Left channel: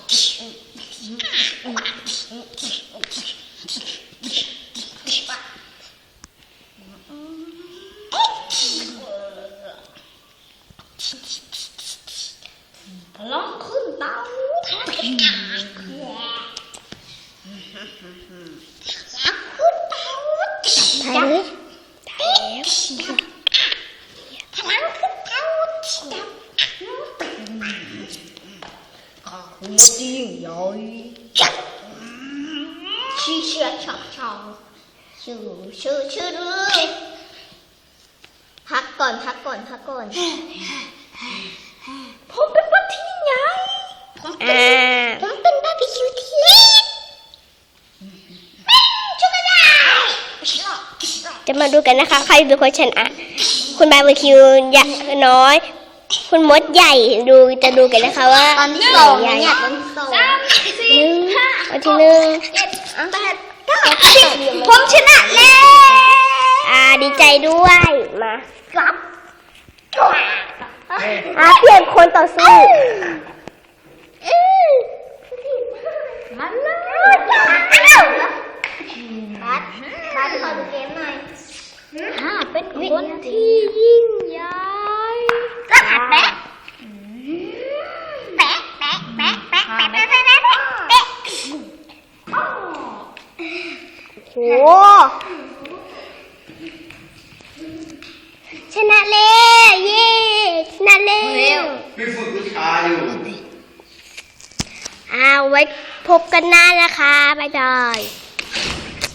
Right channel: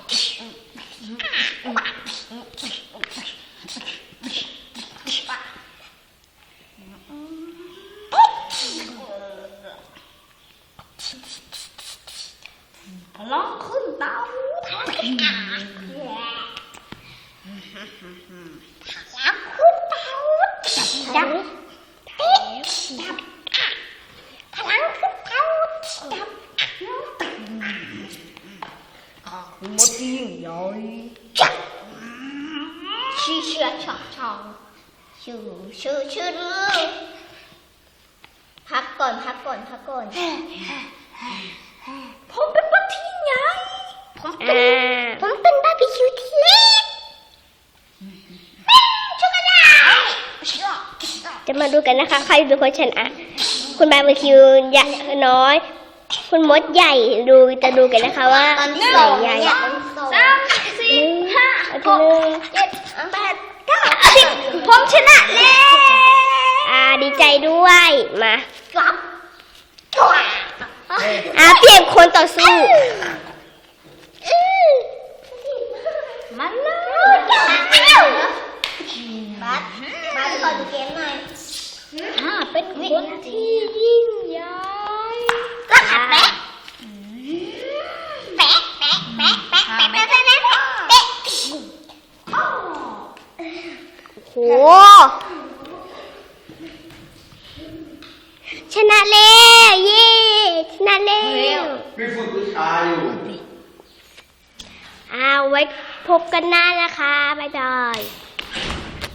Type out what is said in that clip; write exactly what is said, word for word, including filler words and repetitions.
พลังขึ้นเตาพลังขึ้นเตาจับจับพลังขึ้นเตาจับข้าคือมดที่ยิ่งใหญ่ชื่อเชื่อชอบชอบชื่อชื่อชื่อพักก่อนพักก่อนพักก่อนผมเป็นมดที่ยิ่งใหญ่ผมเป็นผมเป็นบาร์บีคิวที่เล็กช่วยกันได้จะมาดูกันนะคะใครเป็นคนชนะคุณบาร์บีคิวใหญ่น้อยคุณมดใหญ่ดูจะดูกันนะคะว่าไหนใหญ่สามสี่ห้าหกเจ็ดแปดเก้าสิบผมชนะแล้วอ่าดีใจด้วยมาครับอ่าเปลี่ยนคนต่อสู้มันเลยบัสบัสขอดูเกมหน่อยฮ่าเป็นคนที่ยิ่งใหญ่ก็หัดแปะแปะแปะแปะแปะแปะแปะแปะแปะแปะโอ้โหชนะแล้วเย้ชนะแล้วพี่ฝึกวิชาอยู่เอาไว้พบกันหน้านะคะบ๊ายบาย